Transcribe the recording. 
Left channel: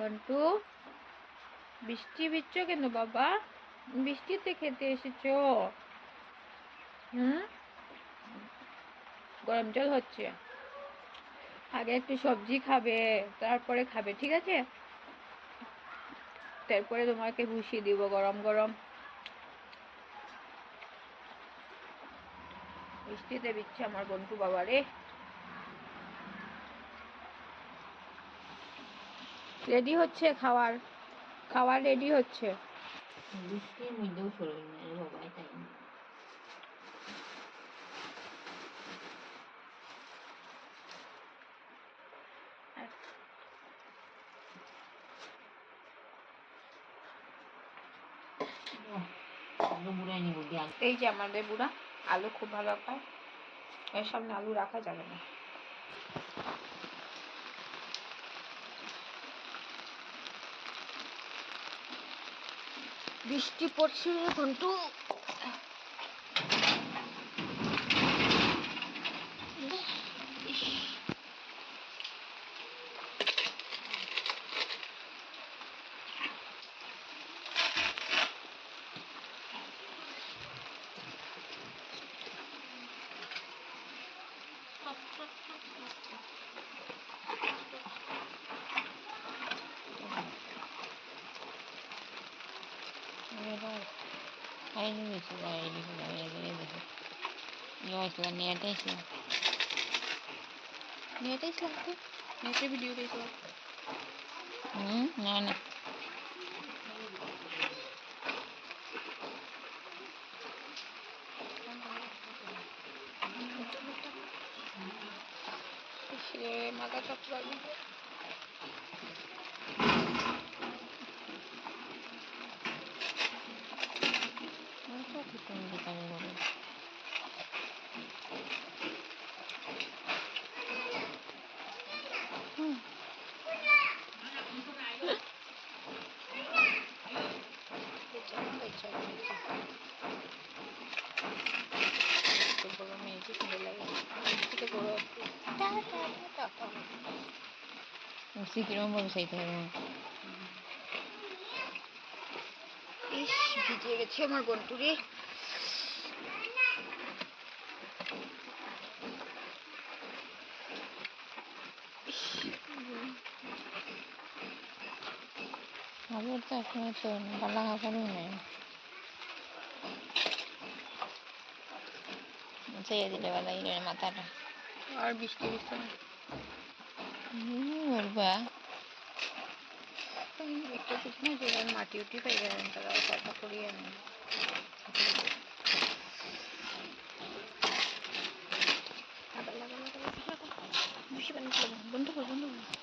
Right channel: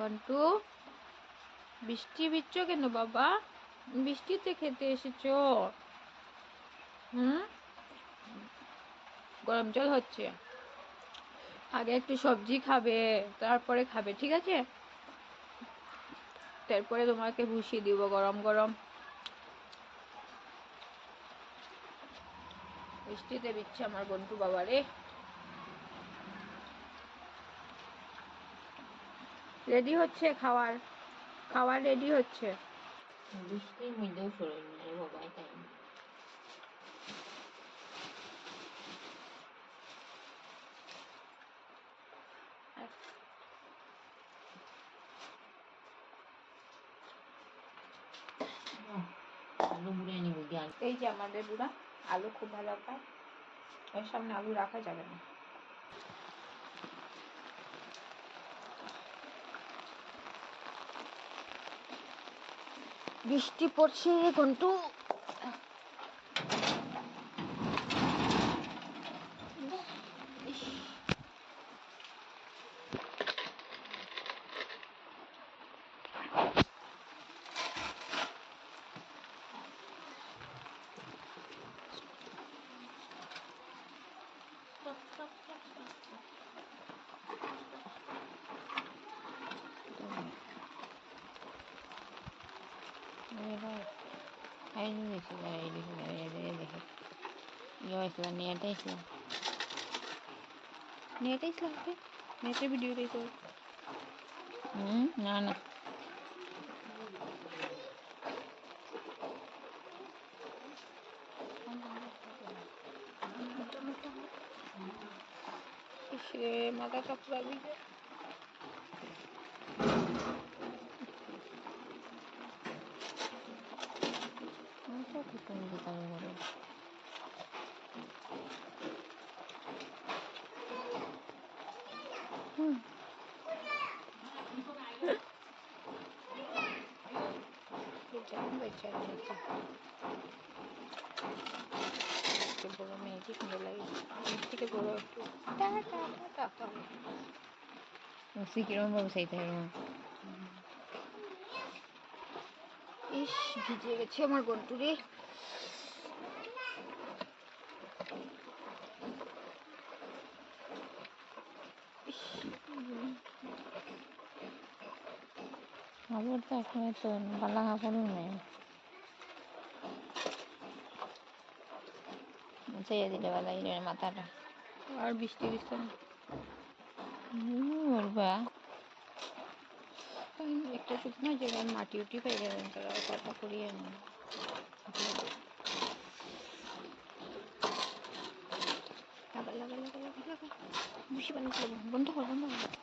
কন্টু বৃষ্টি ভিজছো কেন বাবা? বৃষ্টিতে খেতে এসেছো? গরম জল হচ্ছে। আগে একটু সবজি খাবে, তারপরে খাবে, ঠিক আছে? তারপরে তোমাকে বসিয়ে দিব গরম গরম। বৃষ্টিতে ভিজছে আমার বন্ধু বাবা রে। রেডি হচ্ছে খাওয়ার, খাওয়ার রেডি হচ্ছে। বৃষ্টির মধ্যেও শরীর নেই বাবা, তাই আলু বুড়াই নিব দিয়ে। এই যে আমাদের বুড়া আলু খুব ভালো পায়, এর সামনে আলু রাখা যাবে না। বৃষ্টি পড়ছে কিন্তু নেটে ভিডিও দেখো। না না সে মাথাটা পুরা ভিজে। তুমি দোকানে বলো গরমে কি সুন্দর লাগে, থেকে বড় কিরম ভাবে চাইতে হবে। ইস ভিজে গেছে আমার বন্ধুরে। কাপড় তো এখন তো বালা কাপড়ও নেই, চেয়ে দিলে বালা ইনের মাথাটা। আর বৃষ্টি দিচ্ছে না, বলবা একটা শুকনো জায়গায় মাটি উঠি পাই গেলেন, তারা কথা করিয়ে নেন। বন্ধ কর বন্ধ কর।